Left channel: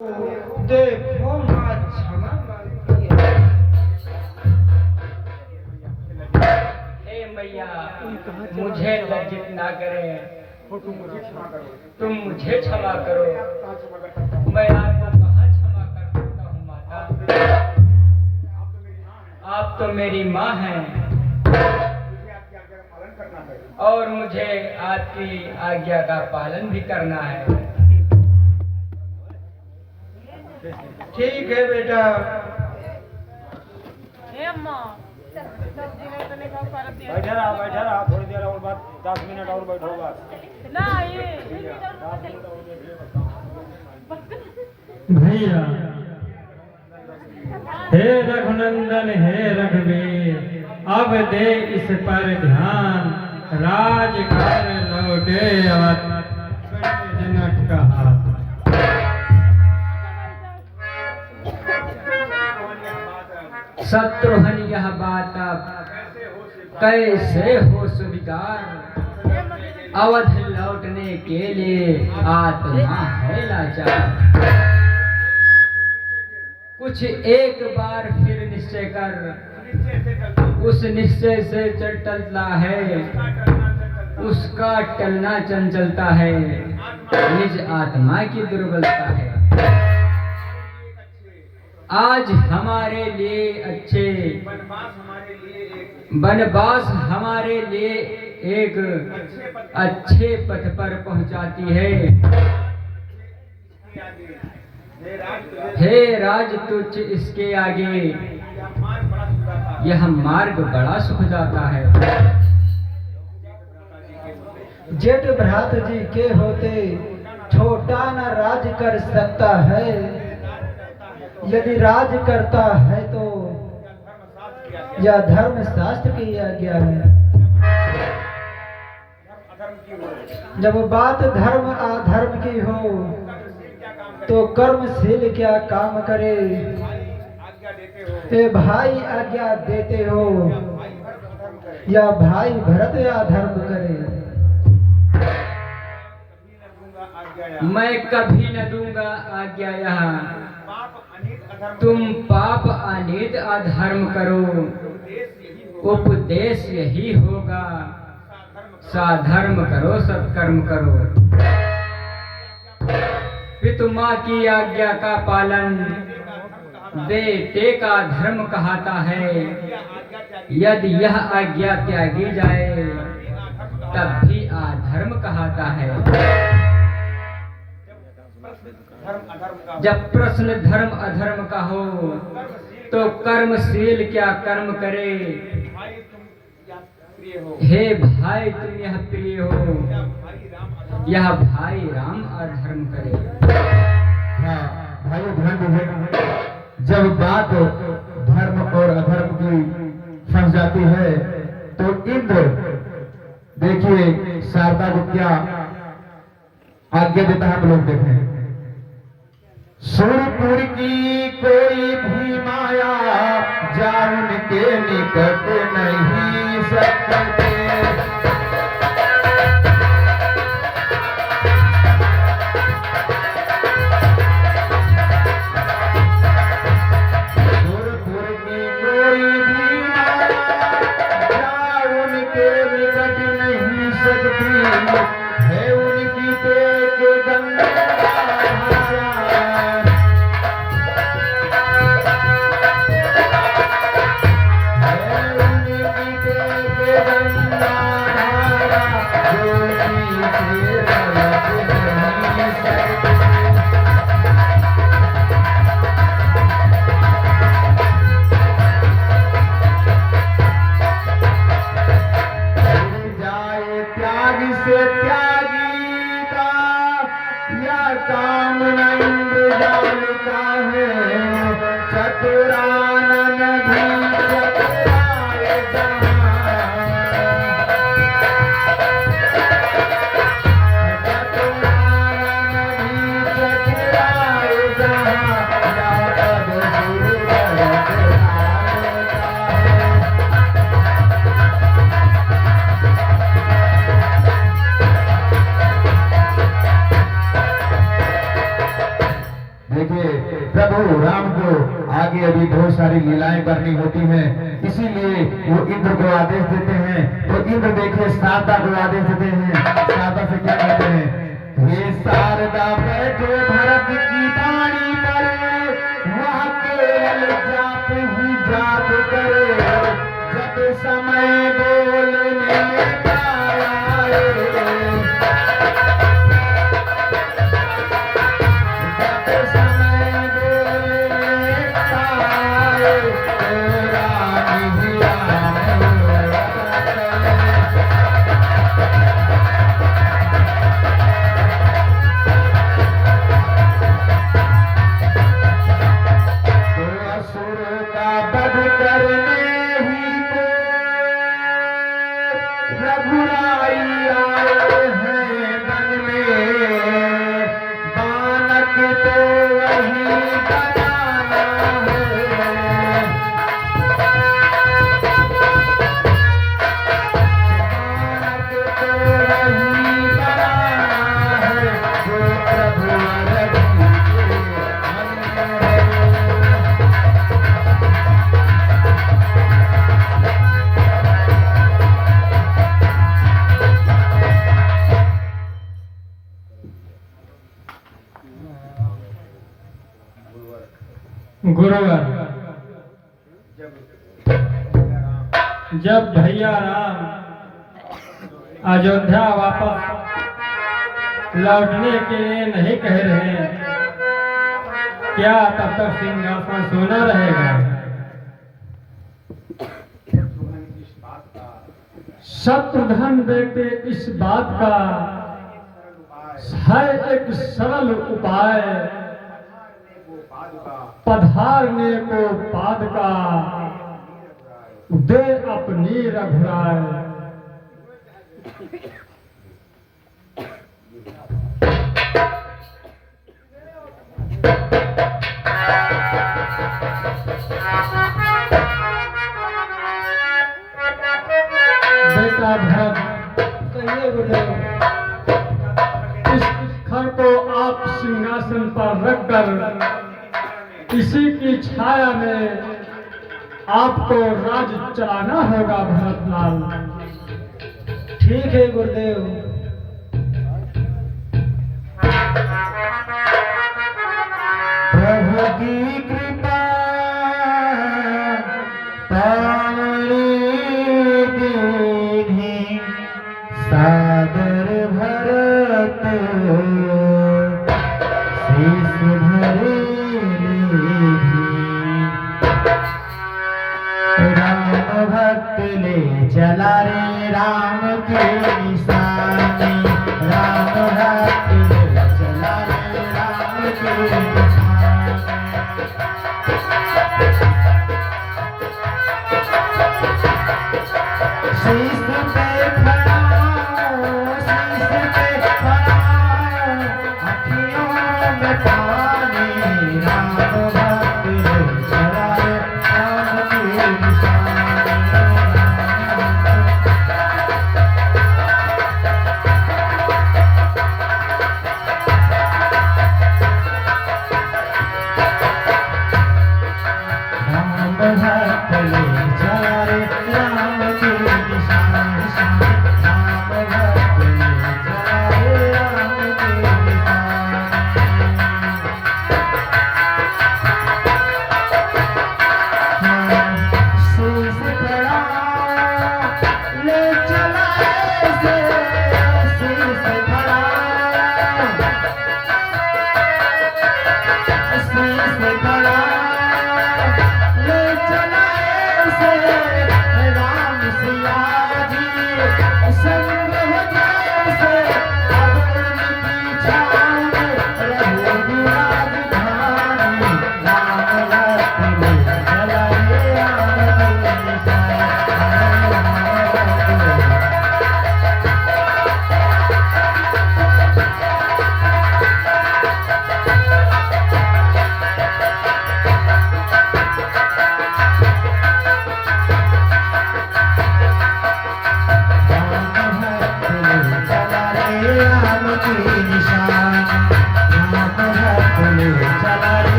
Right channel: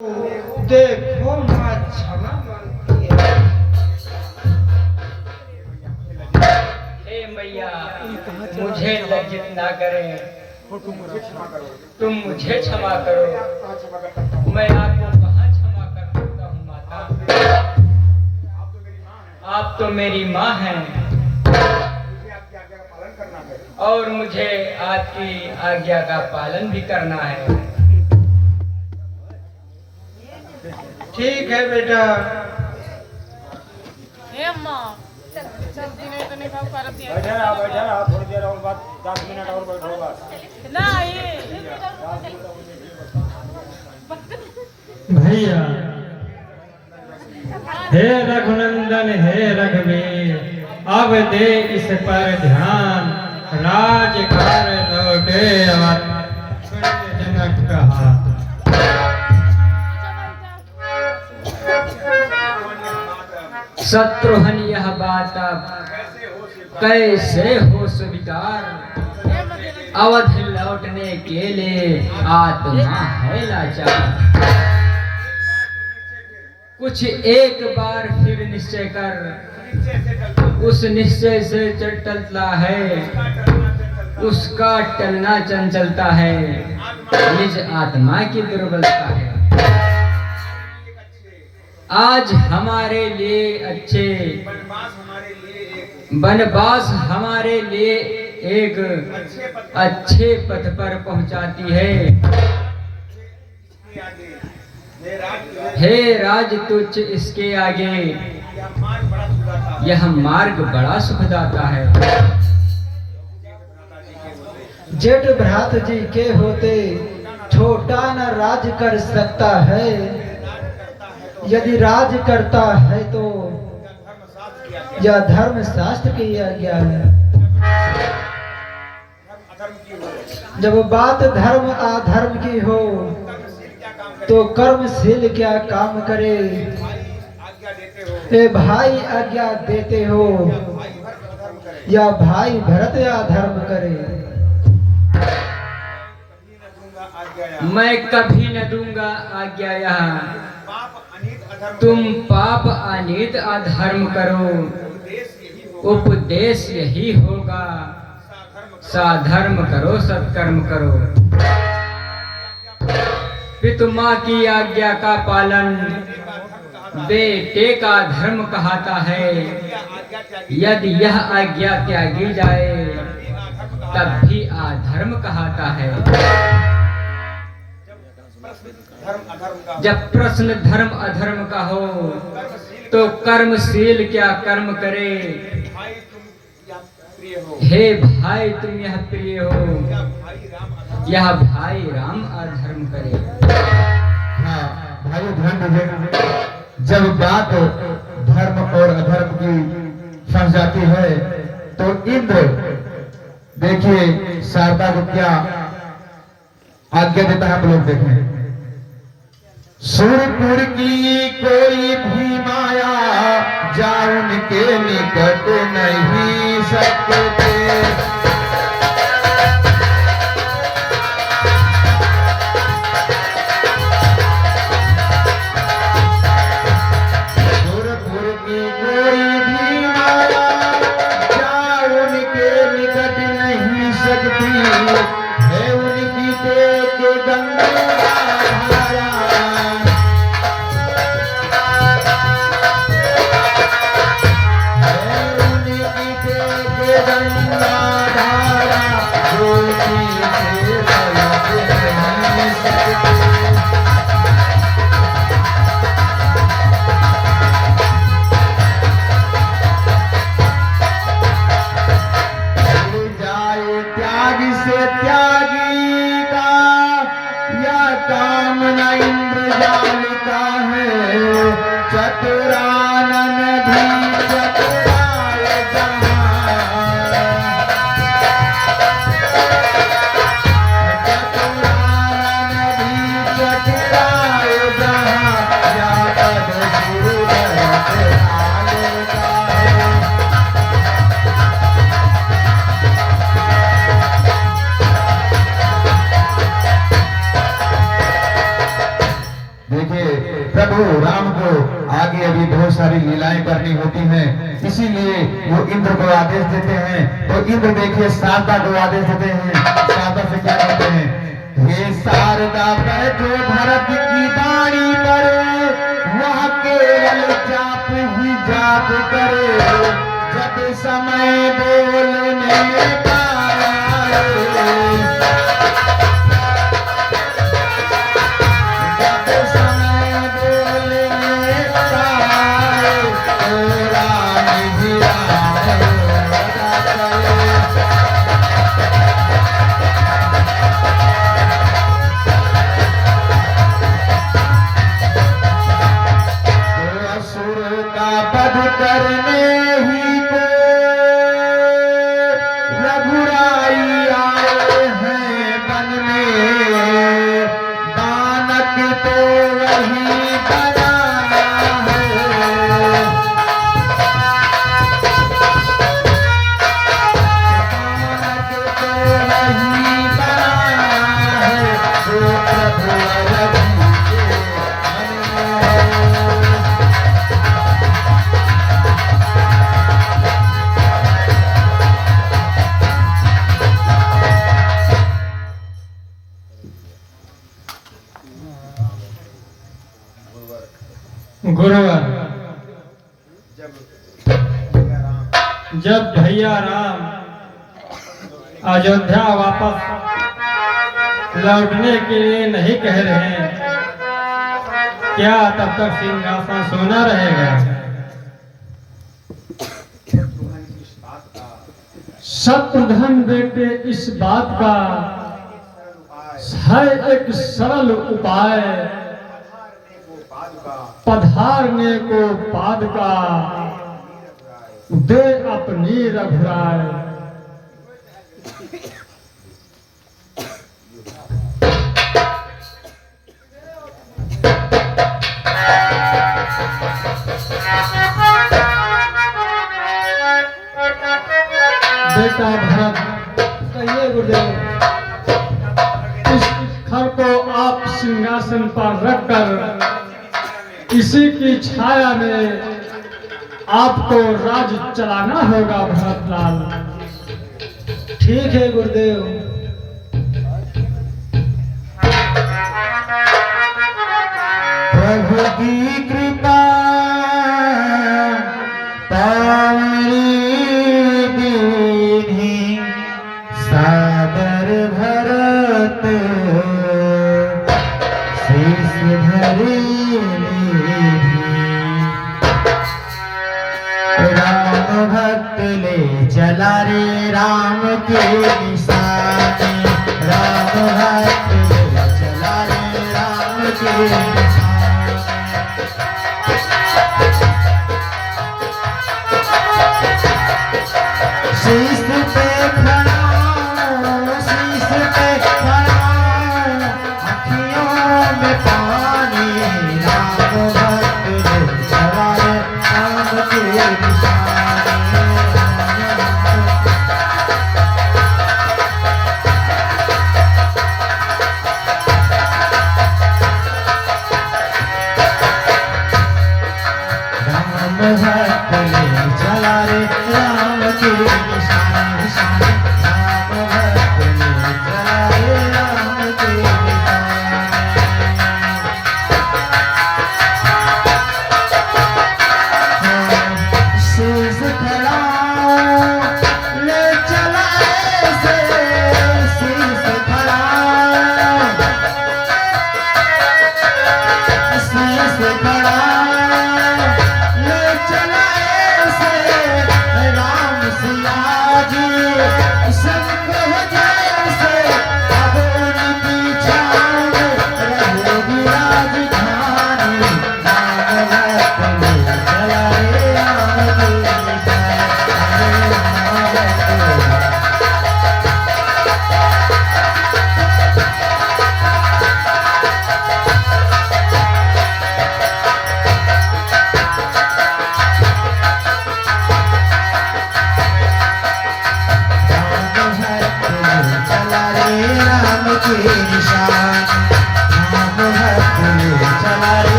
देखो माँ क्षमा मांगती है। हे मैया, मुझे लज्जित ना करें, तुम मुझे क्षमा करो। मैं आपको कहाँ क्षमा कर सकता हूँ माता? आप तो मेरी माँ हैं और मुझे आपकी आज्ञा का पालन भी करना है। ठीक है बेटा। बैठे रहा थोड़ी देर और बाद 10 मिनट और बैठो बस। भैया हे रघुनंदन हे रघुवीर, अब दे इस पर ध्यान, राजकार लौटे अवध, जनक कहा। शत्रुघ्न यह बात अब कैसे हो स्वीकार, अवधि लौटने के लिए आत्मा है लाचार। कुछ एक बार फिर निश्चय कर, उस निश्चय से टलता है, उसका टलना चंचलता है, निज आत्मा की दुर्बलता है। आज हमारे लिए अच्छे वनवास हमारे लिए एक अच्छे पथ पर पहुंचाती है। हे राज तुच्छ इसके आगे यह मार्ग बड़ा सुखदाता है। जेठ भ्रात जी के होते छोटा न राज कर सकता है, यदि राज करता है तो यह धर्म शास्त्र की आज्ञा है। जब बात धर्म अधर्म की हो तो कर्मशील क्या काम करे, हे भाई आज्ञा देते हो या भाई भरत या धर्म करे। मैं कभी न दूंगा आज्ञा यहाँ, तुम पाप अनित अधर्म करो, उपदेश यही होगा, साधर्म करो सत्कर्म करो। पितु माँ की आज्ञा का पालन बेटे का धर्म कहता है, यदि यह आज्ञा त्यागी जाए तब भी अधर्म कहता है। जब प्रश्न धर्म अधर्म का हो तो कर्मशील क्या कर्म करे, हे भाई तुम यह प्रिय हो, यह भाई राम अधर्म करे। हाँ भाई ध्यान दीजिएगा, जब बात धर्म और अधर्म की फंस जाती है तो इंद्र देखिए शारदा को क्या आज्ञा देता है, आप लोग देखें। सुरपुर की कोई भी माया जान के निकट नहीं सकते, सुरपुर की कोई भी माया जान के निकट नहीं सकती, है उनकी तेज गंगा धारा। देखिए प्रभु राम को आगे अभी बहुत सारी लीलाएं करनी होती हैं, इसीलिए वो इंद्र को आदेश देते हैं। तो इंद्र देखिए शारदा को आदेश देते हैं। शारदा से क्या कहते हैं, हे शारदा बैठो भरत की बाणी पर, वहाँ केवल जाप ही जाप करे, जब समय बोलने का गुरुवार जब भैया राम अयोध्या वापस लौटने के लिए नहीं कह रहे हैं, क्या तब तक सिंहासन सोना रहेगा? शत्रुघ्न बेटे इस बात का है एक सरल उपाय, पधारने को पाद का दे अपनी रघुराय। बेटा भरत, कहिए गुरुदेव। इस घर को आप सिंहासन पर रखकर किसी की छाया में आपको राज चलाना होगा भरतलाल। ठीक है गुरुदेव। प्रभु की कृपा पावनी दीधी, सादर भरत शीश धरी राम भक्त ले चला रे राम के निशाने, राम भक्त ले चला रे राम के निशाने। शीश पे खड़ा, शीश पे खड़ा, अखियों में पानी, राम भक्त ले चला रे राम के निशाने।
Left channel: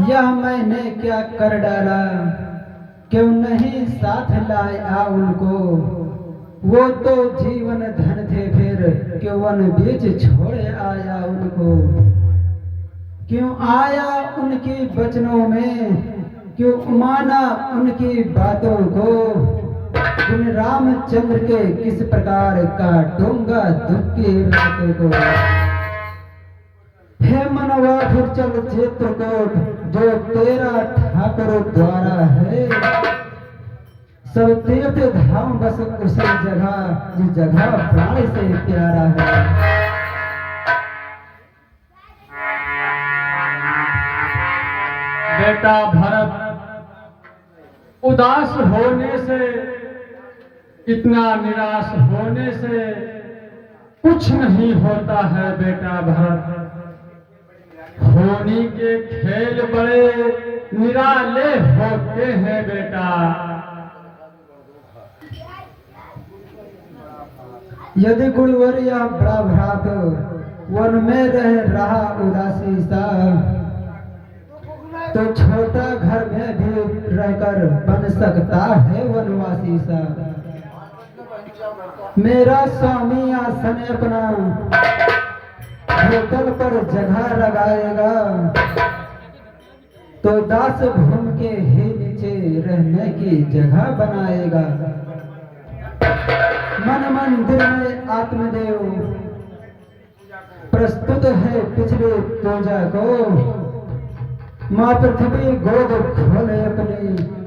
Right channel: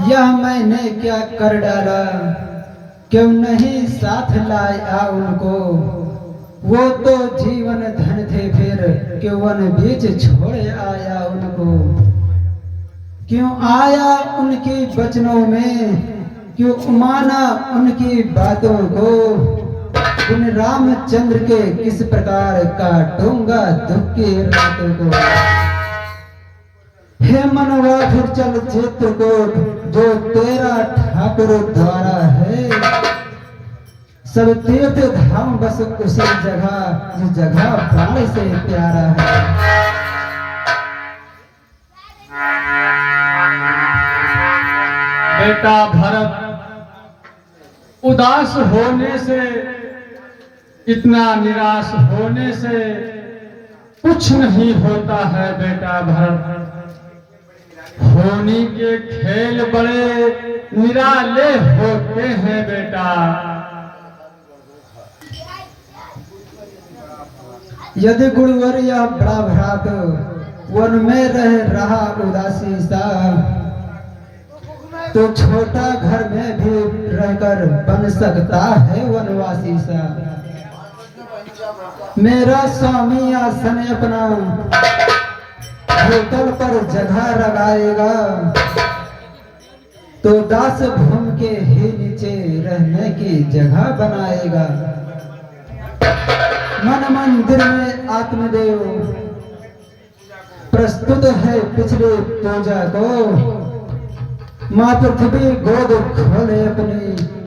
यह मैंने क्या कर डाला, क्यों नहीं साथ लाया उनको। वो तो जीवन धन थे, फिर क्यों वन बीच छोड़ आया उनको। क्यों आया उनके वचनों में, क्यों माना उनकी बातों को। इन रामचंद्र के किस प्रकार काटूंगा दुख की रातों को। हे मनवा फिर चल चित्रकूट, जो तेरा ठाकुर द्वारा है। सब तीर्थ धाम बस उसी जगह, जिस जगह प्राण से प्यारा है। बेटा भरत, उदास होने से, इतना निराश होने से कुछ नहीं होता है बेटा भरत। होनी के खेल बड़े निराले होते हैं बेटा। यदि गुरुवर या बड़ा भ्रात वन में रह रहा उदासी सा, तो छोटा घर में भी रहकर बन सकता है वनवासी सा। मेरा स्वामी आसन अपना भूतल पर जगह लगाएगा, तो दास भूम के ही नीचे रहने की जगह बनाएगा। मन मंदिर में आत्मदेव प्रस्तुत है पिछले पूजा को। माँ पृथ्वी गोद खोले अपनी,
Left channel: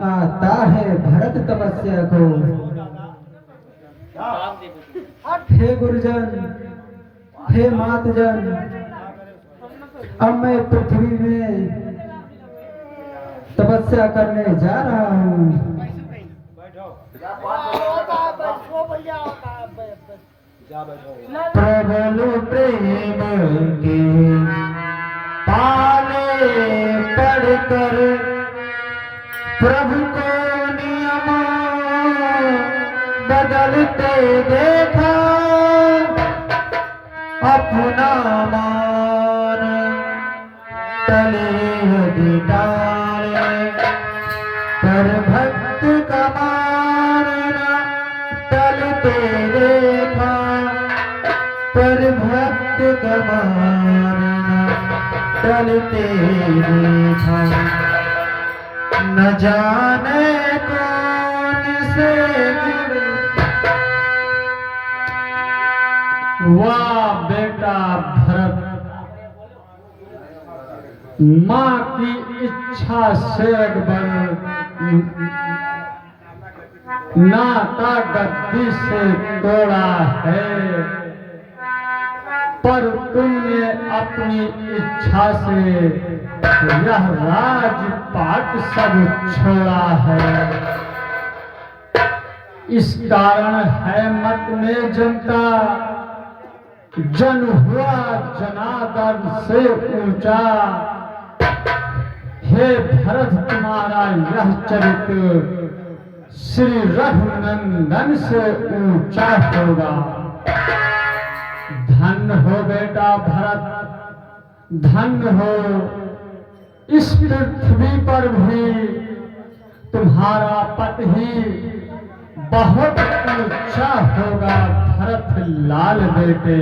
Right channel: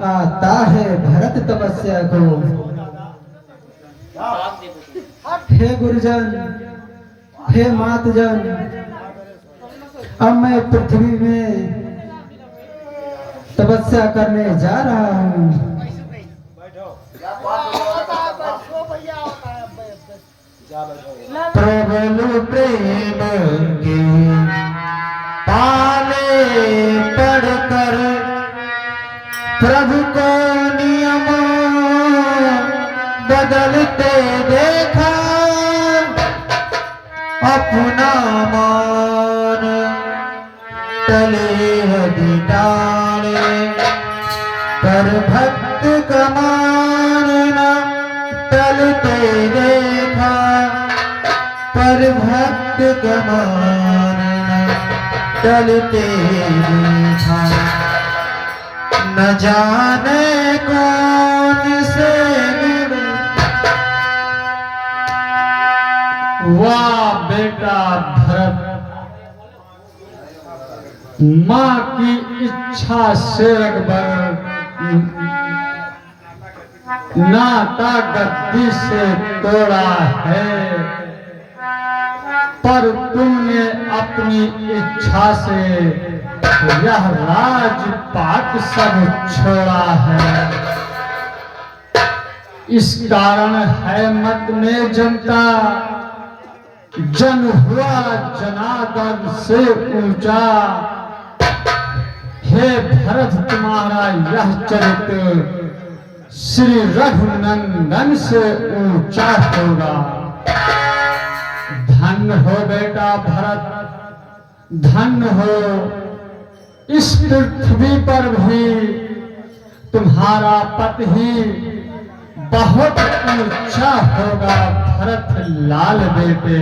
आता है भरत तपस्या को। हे गुरुजन, हे मातजन, अब मैं पृथ्वी में तपस्या करने जा रहा हूँ। प्रबल प्रेम की पाले पढ़कर प्रभु को नियम बदलते देखा। अपना मान टले दिटाने, पर भक्त का मान न टलते देखा। पर भक्त का मान न टलते देखा। न जाने कौन से गुण। वाह बेटा भरत, माँ की इच्छा से अकबर नाता गद्दी से तोड़ा है। पर तुमने अपनी इच्छा से यह राजपाट सब छोड़ा है। इस कारण है मत में जनता, जन हुआ जनार्दन से ऊंचा। हे भरत, तुम्हारा यह चरित्र श्री रघुनंदन से ऊंचा होगा। धन्य हो बेटा भरत, धन्य हो। इस पृथ्वी पर भी तुम्हारा पति ही बहुत ऊंचा होगा भरत लाल बेटे।